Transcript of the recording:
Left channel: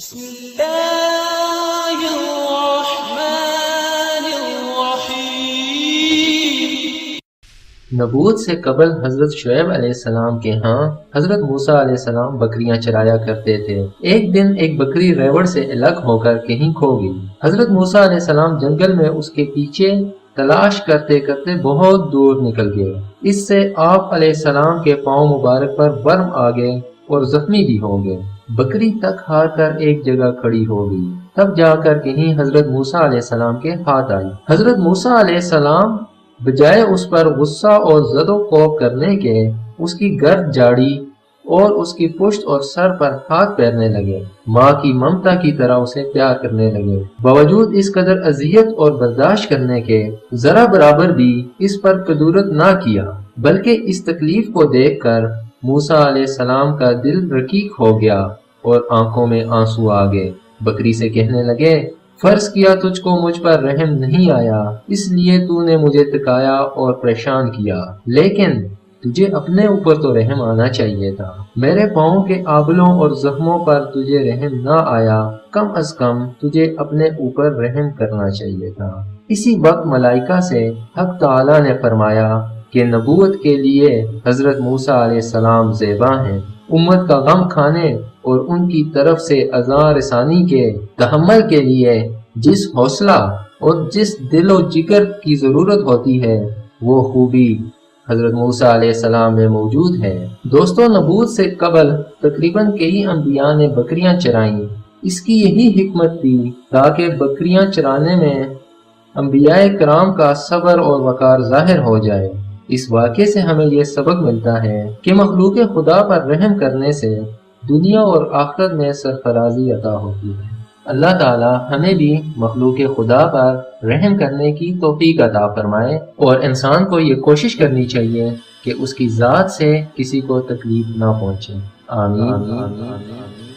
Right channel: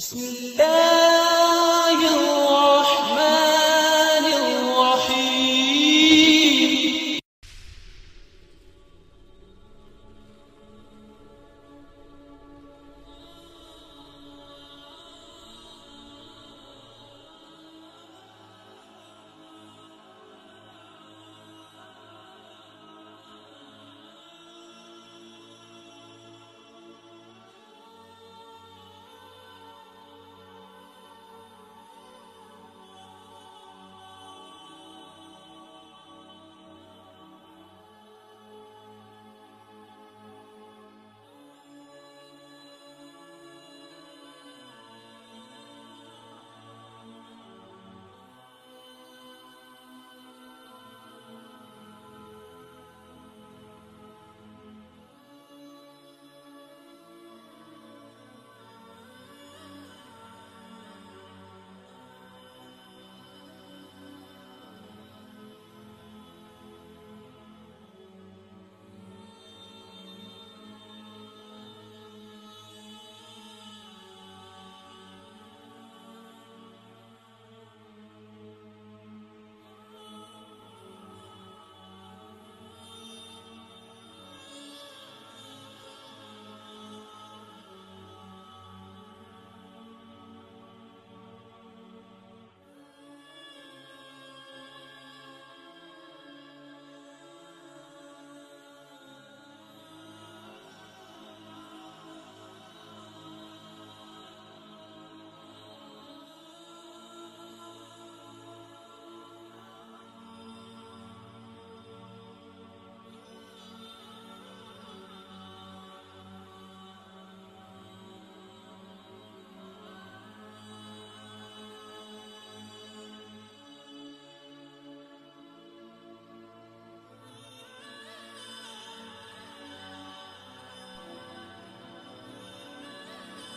بسم اللہ الرحمن الرحیم۔ نبوت سے قبل حضرت شعیب علیہ السلام کے ہاں حضرت موسیٰ علیہ السلام بکریاں چرایا کرتے تھے۔ ایک دن ایک بکری ریوڑ سے الگ ہو کر کہیں کھو گئی۔ حضرت موسیٰ علیہ السلام جنگل میں اس کے پیچھے تلاش کرتے کرتے بہت دور نکل گئے۔ اس سے آپ علیہ السلام کے پاؤں مبارک پر ورم آ گئے اور زخمی بھی ہو گئے۔ بکری تک ہار کر ایک جگہ کھڑی ہو گئی، تب جا کر کہیں حضرت موسیٰ علیہ السلام کے ہاتھ آئی۔ حضرت موسیٰ علیہ السلام بجائے اس پر غصہ اور زد و خوف کرنے کے اس کی گرد جاڑی اور اس کی پشت اور سر پر ہاتھ پھیرنے لگے، ماں کی ممتا کی طرح اسے پیار کرنے لگے۔ باوجود اس قدر اذیت اور برداشت کرنے کے ذرا برابر بھی اس پر کدورت نہ کیا، بلکہ اس تکلیف کو دیکھ کر موسیٰ علیہ السلام کا دل رقیق ہو گیا اور آنکھوں میں آنسو آ گئے۔ بکری سے کہنے لگے، فرض کیا تجھ کو مجھ پر رحم نہیں آیا، اس لیے تو نے مجھے تکایا اور پریشان کیا، لیکن تجھے اپنے اوپر تو رحم آنا چاہیے تھا۔ میرے پاؤں کے آبلوں اور زخموں پر تجھے رحم نہ آیا، کم از کم تجھے اپنے اوپر رحم کرنا چاہیے تھا۔ اسی وقت ملائکہ سے حق تعالی نے فرمایا کہ نبوت کے لیے حضرت موسیٰ علیہ السلام زیبا ہیں۔ امت کا غم کھانے اور ان کی طرف سے اذاں رسانی کے تحمل کے لیے جس حوصلہ اور جس دل و جگر کی ضرورت ہوتی ہے، وہ خوبی حضرت موسیٰ علیہ السلام میں موجود ہے۔ دوستو، نبوت سے قبل تقریباً کئی انبیاء نے بکریاں چرائیں۔ اس کی یہی حکمت تھی تاکہ بکریاں چرانے میں انبیاء کرام کا صبر اور وقار ظاہر ہو جائے۔ اس واقعے سے ہمیں یہ سبق ملتا ہے کہ مخلوق خدا پر رحم کرنے سے دنیا اور آخرت میں سرفرازی عطا ہوتی ہے۔ اللہ تعالی ہمیں بھی مخلوق خدا پر رحم کرنے کی توفیق عطا فرمائے، اور انسان کو یہ کوشش کرنی چاہیے کہ اس کی ذات سے کسی کو تکلیف نہ پہنچے۔ آمین۔